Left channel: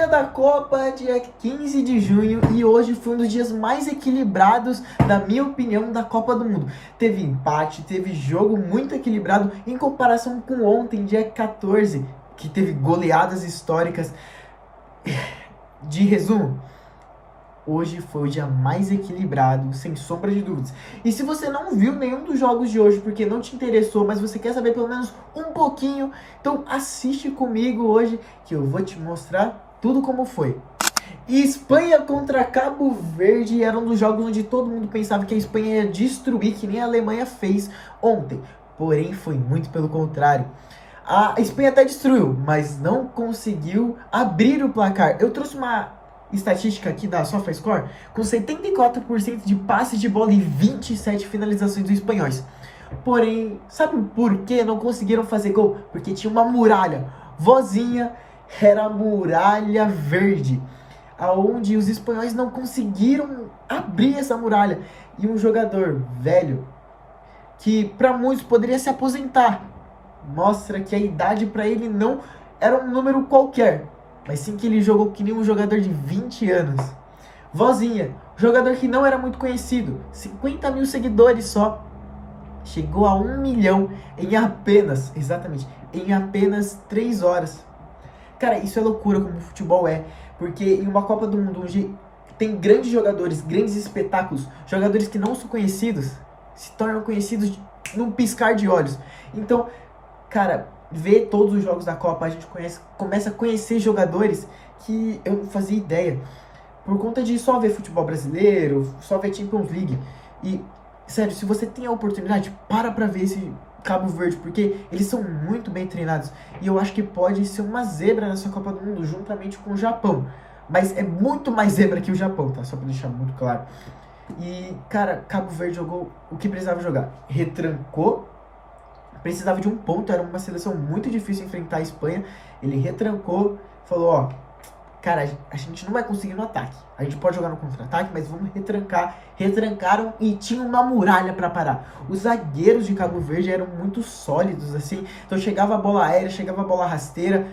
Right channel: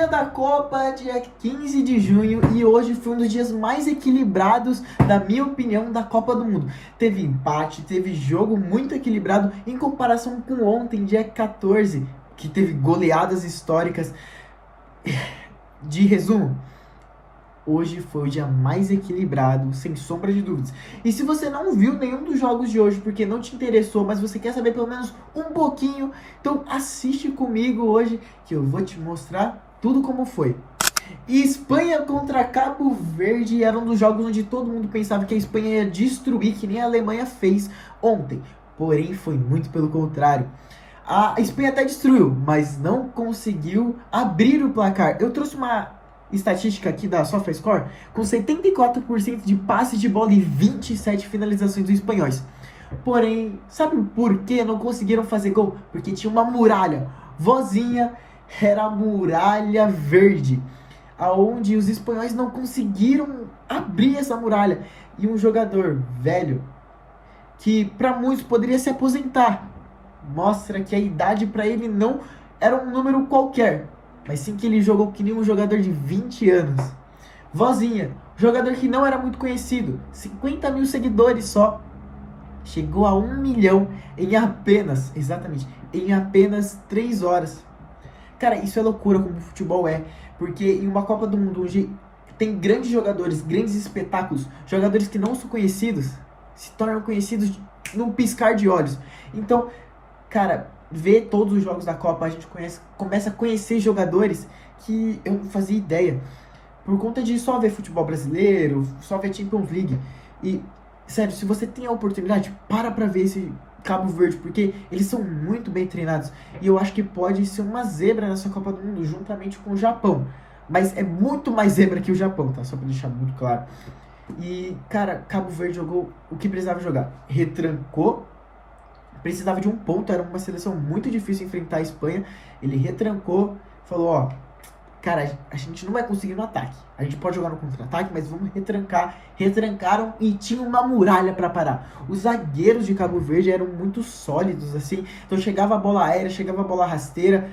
dia da Copa, dia 15 de junho, e hoje foi um dos dias mais equilibrados, na minha opinião, da Copa do Mundo. Teve empate, teve jogo muito equilibrado em comparação com ontem, dia 14, que teve goleadas históricas. De resumo, hoje foi o dia mais equilibrado, sem sombra de dúvidas. E se você não viu nenhum dos jogos de hoje porque não te interessou, mas você quer saber pelo menos um pouquinho, então assiste comigo hoje que eu vou te mostrar tudo como foi. E Espanha contra Cabo Verde era um dos jogos onde todo mundo pensava que a Espanha ia destruir, que nem a Alemanha fez ontem. Porém, foi muito pelo contrário. A Espanha até destruiu, mas não conseguiu abrir o placar. Eu trouxe uma estatística aqui da SofaScore com 74% de passes de bola e 27 finalizações dos espanhóis. Porém, sabe por que não conseguiram fazer gol? Porque tinha uma muralha. Vozinha, era a muralha verde, aonde os espanhóis não conseguiram abrir essa muralha. E um jogador velho, que para muitos poderia se aposentar, mostra que a idade para ele não era um número qualquer, mas sim que ele jogou que nem um jogador de 20 anos. Vozinha, jogador que não era muito conhecido, 50 mil seguidores só, chegou a 1 milhão em apenas, exatamente, em apenas 3 horas. Cara, isso é loucura como o futebol é, porque em uma Copa do Mundo onde tem grandes jogadores, grandes espetáculos, jogadores que não são conhecidos, se tornam conhecidos num piscar de olhos. Então, cara, ver todos os jogos da Copa, a gente começa a conhecer jogadores que eu não fazia ideia. Por conta de só ver futebol brasileiro, só ver Champions League. E, sério, se você tem a oportunidade, para ver esse Cabo Verde, porque eles são muito bem treinados. E eu acho que pode ser uma zebra nessa Copa do Mundo, juntamente com o Japão. Mas é muito mais zebra que o Japão, tá? Só pra deixar muito claro. E, cara, Cabo Verde jogou o que precisava jogar. Retrancou. Precisava de um ponto, era uma seleção muito difícil enfrentar a Espanha. Ele retrancou, falou, ó, cara, a gente não vai conseguir no ataque. A gente pode jogar no contra-ataque, mas vamos retrancar. Retrancaram e tinha uma muralha para parar. Os zagueiros de Cabo Verde eram muito sólidos, assim. Então chegava a bola aérea, chegava a bola rasteira.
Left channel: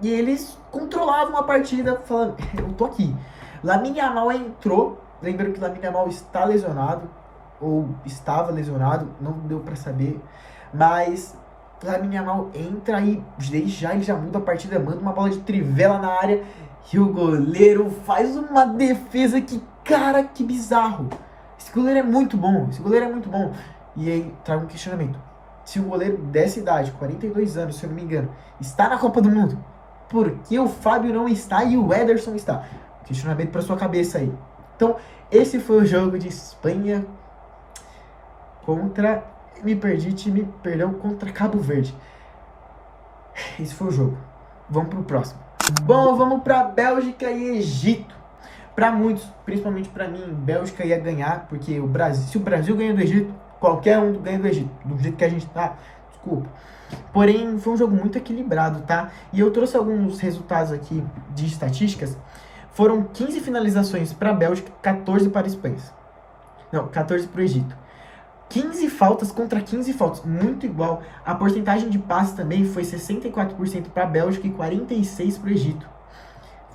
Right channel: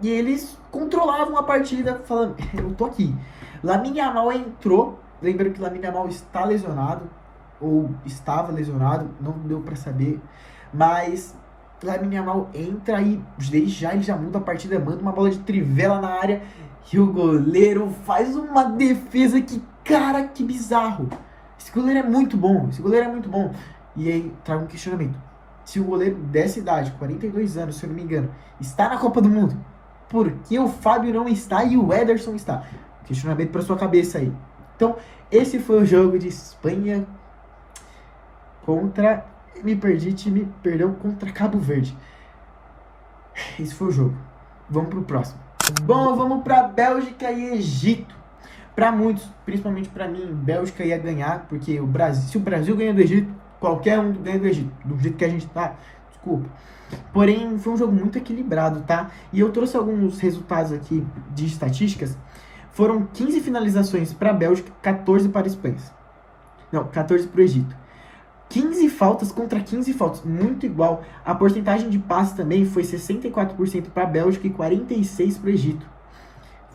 E eles controlavam a partida, falando, eu tô aqui. Lamine Yamal entrou. Lembrando que Lamine Yamal está lesionado, ou estava lesionado, não deu para saber. Mas Lamine Yamal entra e ele já muda a partida, manda uma bola de trivela na área e o goleiro faz uma defesa que, cara, que bizarro. Esse goleiro é muito bom, E aí trago um questionamento. Se o goleiro dessa idade, 42 anos, se eu não me engano, está na Copa do Mundo, por que o Fábio não está e o Ederson está? Questionamento para sua cabeça aí. Então, esse foi o jogo de Espanha contra... contra Cabo Verde. Esse foi o jogo. Vamos pro próximo. Bom, vamos pra Bélgica e Egito. Para muitos, principalmente para mim, Bélgica ia ganhar, porque se o Brasil ganha do Egito, qualquer um ganha do Egito. Do jeito que a gente tá, desculpa. Porém, foi um jogo muito equilibrado, tá? E eu trouxe alguns resultados aqui de estatísticas. Foram 15 finalizações para a Bélgica, 14 para a Espanha. Não, 14 para o Egito. 15 faltas contra 15 faltas, muito igual. A porcentagem de passes também foi 64% para a Bélgica e 46% para o Egito.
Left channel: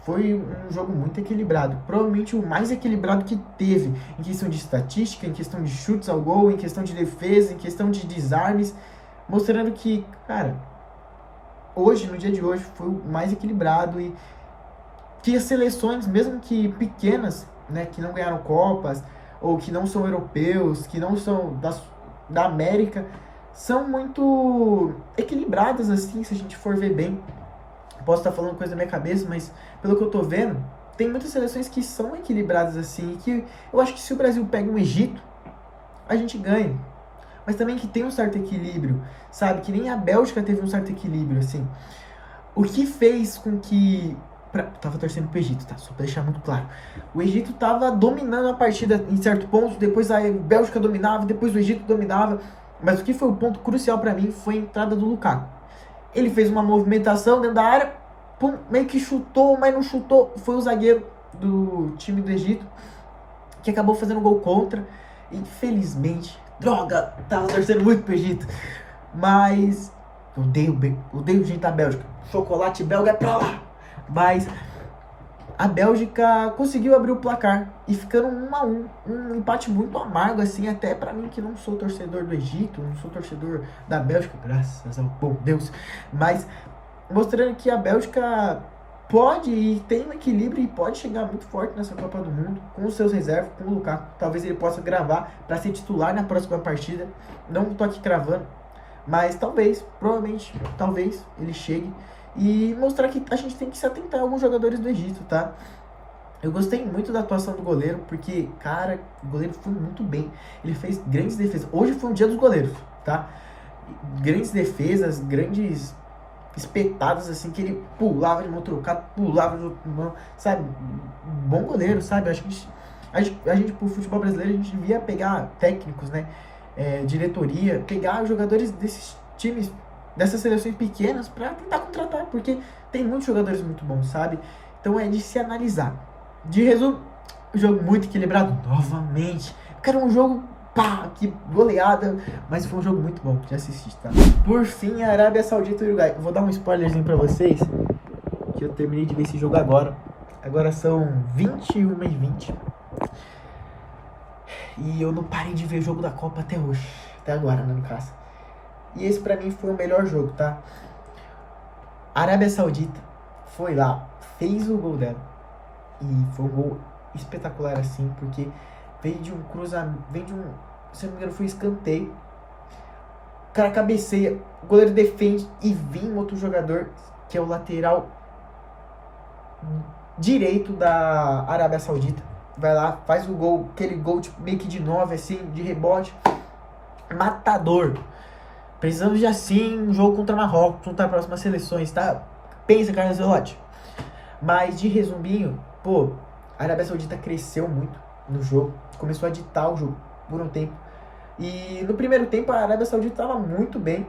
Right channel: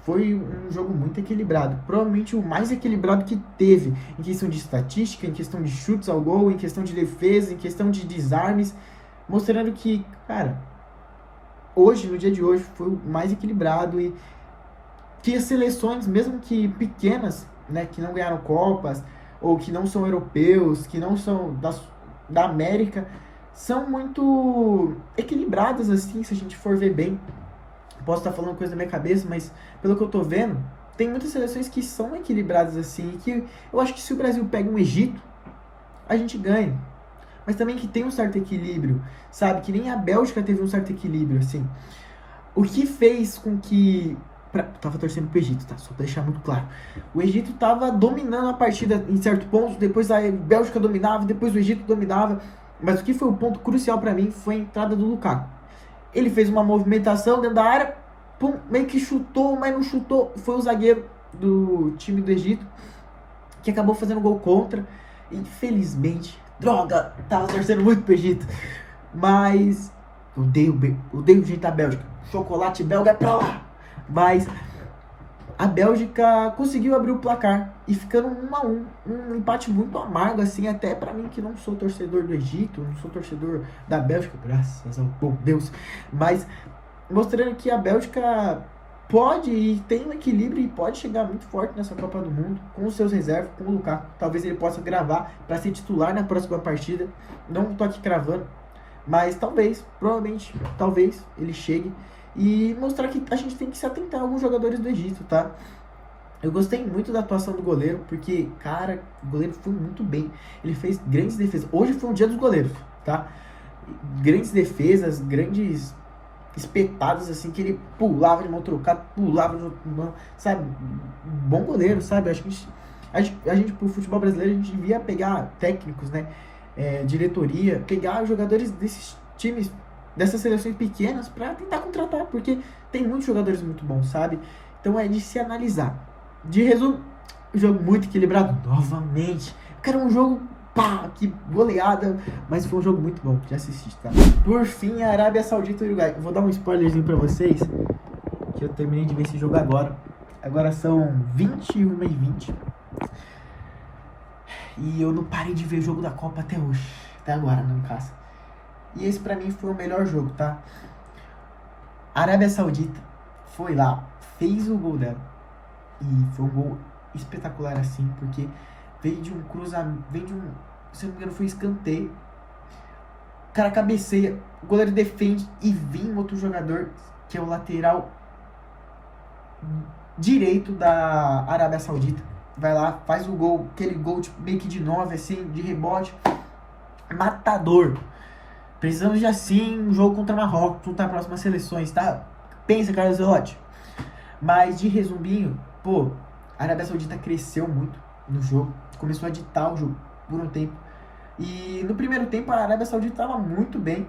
Foi um jogo muito equilibrado, provavelmente o mais equilibrado que teve, em questão de estatística, em questão de chutes ao gol, em questão de defesa, em questão de desarmes, mostrando que, cara, hoje, no dia de hoje, foi o mais equilibrado e que as seleções, mesmo que pequenas, né, que não ganharam Copas, ou que não são europeus, que não são da América, são muito equilibradas, assim, se a gente for ver bem. Posso estar falando coisa da minha cabeça, mas pelo que eu tô vendo, tem muitas seleções que são equilibradas, assim, que eu acho que se o Brasil pega um Egito, a gente ganha. Mas também que tem um certo equilíbrio, sabe? Que nem a Bélgica teve um certo equilíbrio, assim. O que fez com que... Tava torcendo pro Egito, tá? Só pra deixar muito claro. O Egito tava dominando a partida em certo ponto, depois a Bélgica dominava, depois o Egito dominava. Mas o que foi o ponto crucial pra mim foi a entrada do Lukaku. Ele fez uma movimentação dentro da área, pum, meio que chutou, mas não chutou. Foi o zagueiro do time do Egito que acabou fazendo gol contra. Infelizmente, droga, tava torcendo muito pro Egito. Mas eu odeio o jeito da Bélgica. Chocolate belga é pra lá. Mas a Bélgica conseguiu abrir o placar e ficando 1-1, um empate muito amargo, assim, até pra mim que não sou torcedor do Egito, não sou torcedor da Bélgica, graças ao bom Deus, mas mostrando que a Bélgica pode e tem um equilíbrio e pode chegar muito forte nessa Copa do Mundo, com os seus reservas, com o Lukaku. Talvez ele possa gravar para ser titular na próxima partida, não tô aqui cravando, mas talvez, provavelmente, talvez ele chegue e mostrar que a gente tem que se atentar a alguns jogadores do Egito, tá? Eu gostei muito da atuação do goleiro, porque, cara, o goleiro foi muito bem. Ele fez grandes defesas. Hoje foi um dia dos goleiros, tá? Grandes defesas, grandes espetadas, assim, que ele pulava de mão trocada, pulava de mão, sabe? Bom goleiro, sabe? Acho que a gente, pro futebol brasileiro, a gente devia pegar técnicos, né? Diretoria, pegar jogadores desses times, dessas seleções pequenas, pra tentar contratar, porque tem muitos jogadores muito bons, sabe? Então é de se analisar. De resumo, jogo muito equilibrado novamente. Cara, um jogo, pá, que goleada, mas foi um jogo muito bom de assistir, tá? Por fim, a Arábia Saudita e o Uruguai. Eu vou dar um spoilerzinho pra vocês, que eu terminei de ver esse jogo agora. Agora são 21h20. E eu não parei de ver o jogo da Copa até hoje. Até agora, né, no caso. E esse pra mim foi o melhor jogo, tá? A Arábia Saudita foi lá, fez o gol dela. E foi um gol espetacular assim, porque veio de um cruzamento, veio de um, se não me engano, foi escanteio. O cara cabeceia, o goleiro defende e vem outro jogador, que é o lateral direito da Arábia Saudita. Vai lá, faz o gol, aquele gol tipo, meio que de 9, assim, de rebote. Matador. Precisamos de assim um jogo contra Marrocos, contra as próximas seleções, tá? Pensa, Carlos Ancelotti. Mas de resuminho, pô, a Arábia Saudita cresceu muito no jogo, começou a ditar o jogo por um tempo. E no primeiro tempo a Arábia Saudita estava muito bem,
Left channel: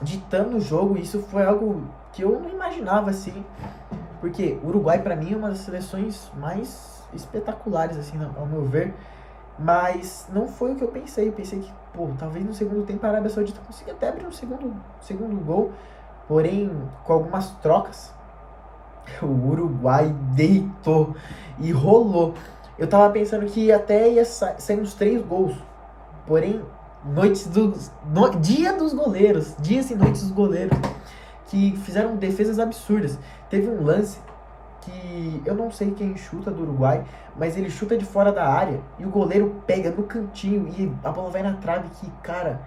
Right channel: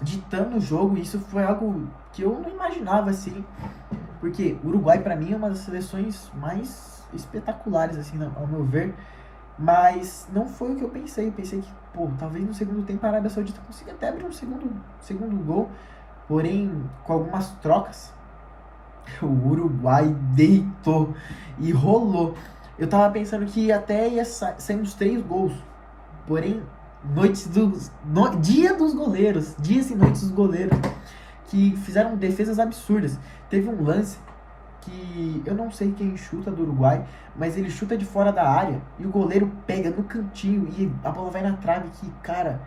ditando o jogo, e isso foi algo que eu não imaginava assim, porque o Uruguai pra mim é uma das seleções mais espetaculares assim, ao meu ver, mas não foi o que eu pensei. Eu pensei que, pô, talvez no segundo tempo a Arábia Saudita consiga até abrir um segundo gol, porém com algumas trocas o Uruguai deitou e rolou. Eu tava pensando que até ia sair uns 3 gols. Porém, dia dos goleiros, dias e noites dos goleiros, que fizeram defesas absurdas. Teve um lance que eu não sei quem chuta do Uruguai, mas ele chuta de fora da área e o goleiro pega no cantinho e a bola vai na trave, que, cara,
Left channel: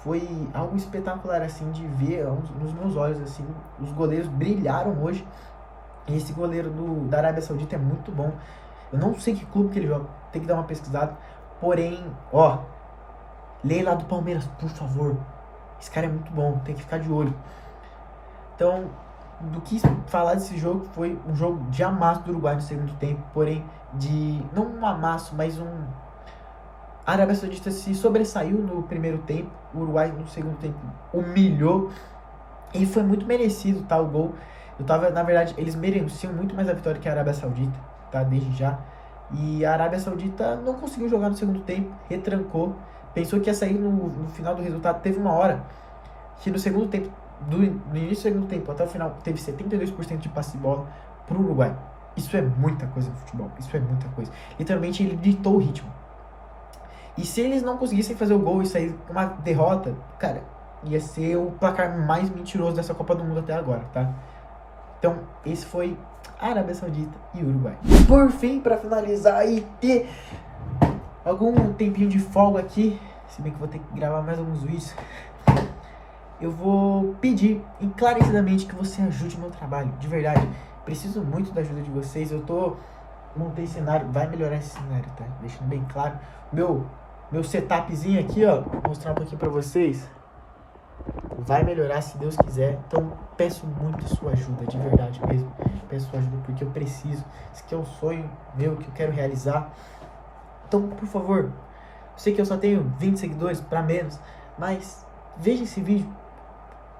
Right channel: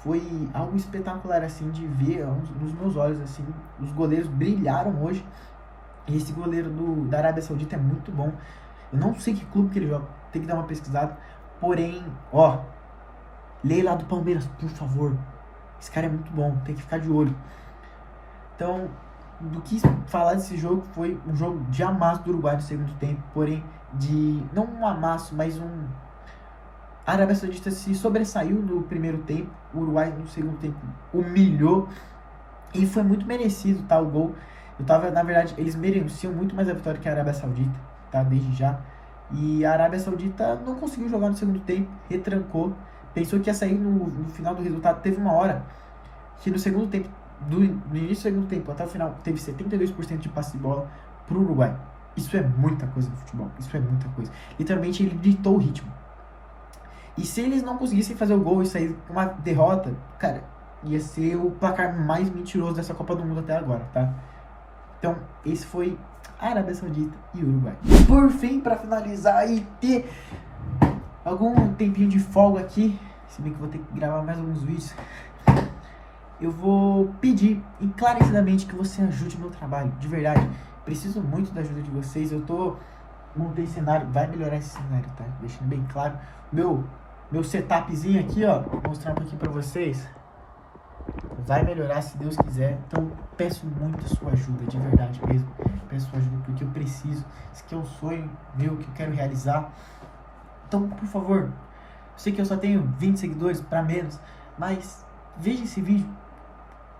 foi algo espetacular assim de ver nos meus olhos assim. Os goleiros brilharam hoje. E esse goleiro da Arábia Saudita é muito bom. Eu não sei que clube que ele joga, tem que dar uma pesquisada. Porém, ó, leia lá do Palmeiras, por favor. Esse cara é muito bom, tem que ficar de olho. Então, do que falar desse jogo, foi um jogo de amasso do Uruguai no segundo tempo. Porém, não um amasso, mas a Arábia Saudita se sobressaiu no primeiro tempo. O Uruguai no segundo tempo humilhou. E foi muito merecido, tá, o gol. Na verdade, eles mereciam muito mais a vitória que a Arábia Saudita, tá, desde já. E a Arábia Saudita não conseguiu jogar no segundo tempo, retrancou, pensou que ia sair no final do resultado. Teve uma hora que no segundo tempo, no início do segundo tempo até o final, teve 72% de passe de bola pro Uruguai. Isso é muita coisa no futebol, isso é muita coisa. Literalmente ele ditou o ritmo. E se eles não conseguissem fazer o gol e sair com uma derrota, cara, ia ser o placar mais mentiroso dessa Copa do Mundo até agora, tá? Então, esse foi a Arábia Saudita e o Uruguai. Por fim, para finalizar e ter algum tempinho de folga aqui, se bem que vou ter que gravar mais alguns vídeos, eu vou pedir encarecidamente que você ajude meu trabalho, de verdade. Preciso muito da ajuda de vocês. Montei cenário, vai melhorar esse cenário, tá? Deixando bem claro. Meu setupzinho aqui, ó, vou mostrar um pouquinho pra vocês. Vai melhorar se Deus quiser. Então peço muito a sua ajuda, de verdade mesmo. Peço sua ajuda porque eu preciso. Esse aqui é um sonho meu que eu quero realizar. Então, por favor, eu sei que eu só tenho 20 seguidores para menos, mas veja esse vídeo,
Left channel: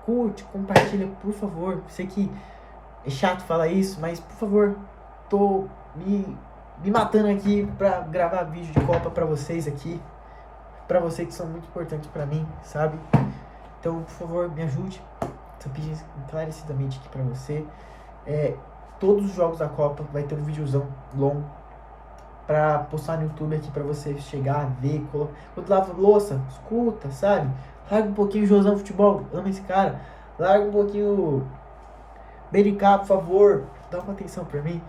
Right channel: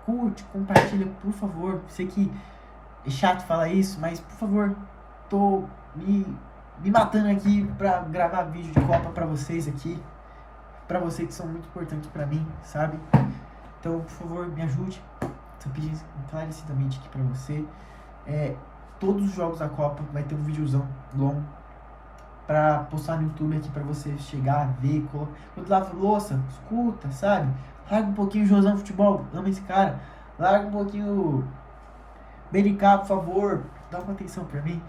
curte, compartilha, por favor. Sei que é chato falar isso, mas por favor, tô me matando aqui pra gravar vídeo de Copa pra vocês aqui, pra vocês que são muito importantes pra mim, sabe? Então, por favor, me ajude. Tô pedindo encarecidamente aqui pra você. todos os jogos da Copa, vai ter um videozão longo pra postar no YouTube aqui pra você chegar, ver, quando lava louça, escuta, sabe? Larga um pouquinho o Josão Futebol, ama esse cara. Larga um pouquinho o BNK, por favor, dá uma atenção pra mim.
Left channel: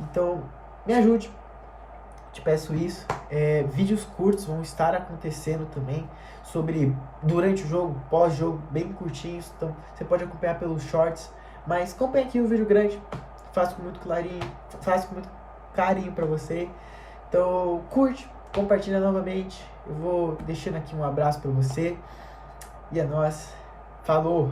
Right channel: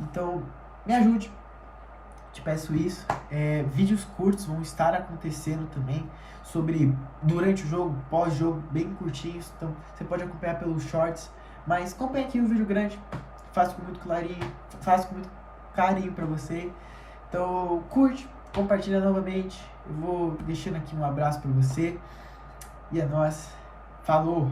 Então, me ajude, te peço isso. Vídeos curtos vão estar acontecendo também sobre durante o jogo, pós-jogo, bem curtinhos. Então, você pode acompanhar pelos shorts, mas acompanhe aqui o vídeo grande. Faço com muito clarinho, faço com muito carinho pra você. Então, curte, compartilha novamente. Eu vou deixando aqui um abraço pra você. E é nóis. Falou!